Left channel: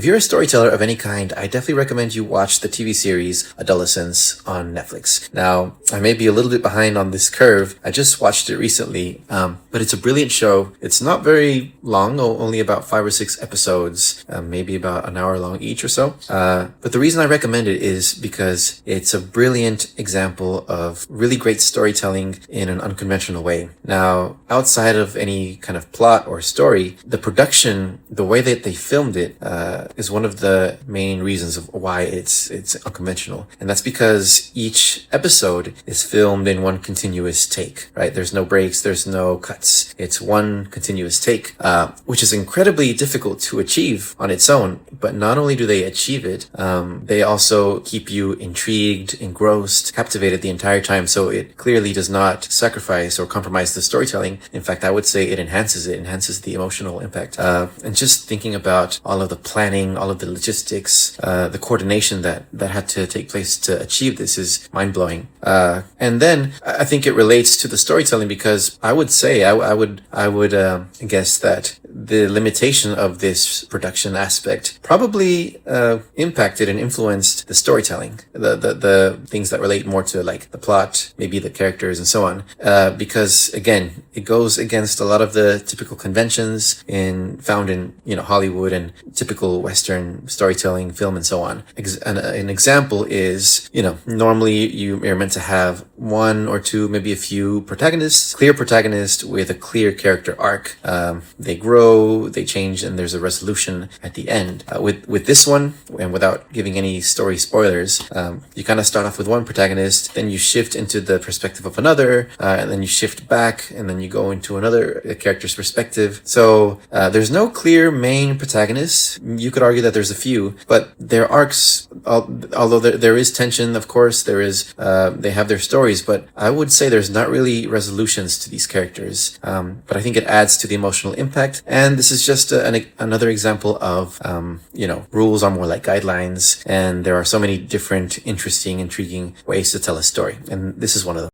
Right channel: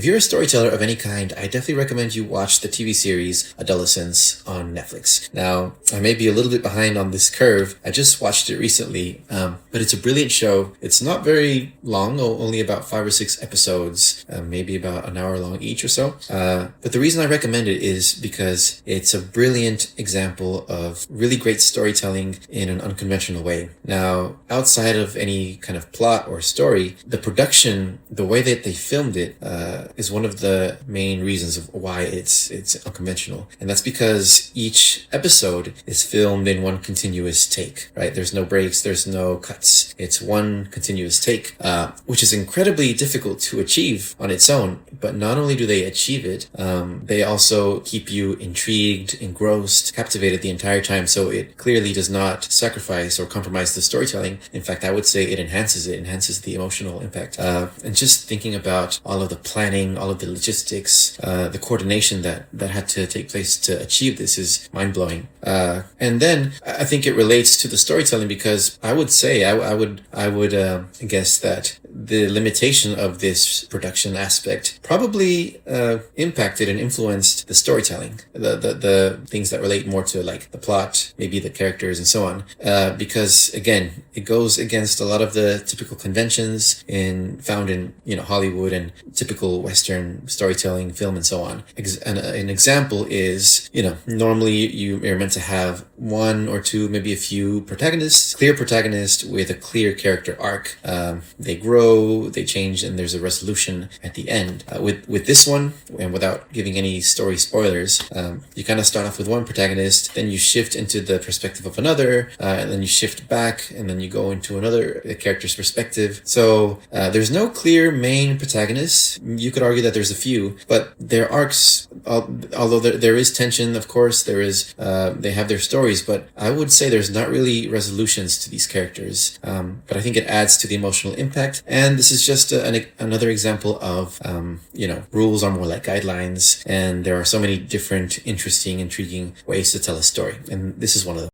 if you're a storyteller of any kind, I definitely recommend you watch the TV series Adolescence on Netflix. Now, I may be a little bit behind on this curve. I just watched it recently, but it's a brilliant show. It's not very long, only about 5 or 6 episodes, maybe about an hour long each or so. But the reason I recommend it is because it's a brilliant example of really great storytelling in an unconventional way. Now, outside of any kind of plot or story, the production, the way that they filmed it, is one of the main reasons of why it's unconventional. And that's because each episode is filmed in one continuous take, right? There's no breaks, there's no cuts. It's one continuous take, which is incredibly difficult to achieve on its own. But not only do they achieve it, they also keep you intrigued, engrossed, captivated the entire time. So it clearly does not sacrifice or compromise the storytelling. In fact, I would say it enhances the emotional impact. And just thinking about all of the planning, all of the logistics, the coordination that had to take place to achieve this is mind-blowing. And then I think it relates to the storytelling because I would say, I would guess that the limitation of this production aspect probably impacted and influenced the storytelling, the things that relate more to like the plot, maybe the characters and so on. Because again, it goes against a lot of the typical conventions found in, Hollywood and typical Western storytelling, film and so on. An example is, normally you are meant to have one or two, maybe a few protagonists, clear protagonist with a clear character arc. They grow, they change, and there's a resolution at the end. With this one, and without giving any story spoilers, you kind of start off with one protagonist, then you shift into the perspective of another, and then you shift back, and then you go into another character's perspective. So there's no clear main protagonist. You could argue that there's a few, but their arcs, although there is tension, of course, they have their stories, but I would say there's not really resolutions to these characters. But I think it adds to the emotional impact. And this is just another example of, rules are more like guidelines, and there are so many different, interesting, intriguing ways to tell a story. And this is one of them.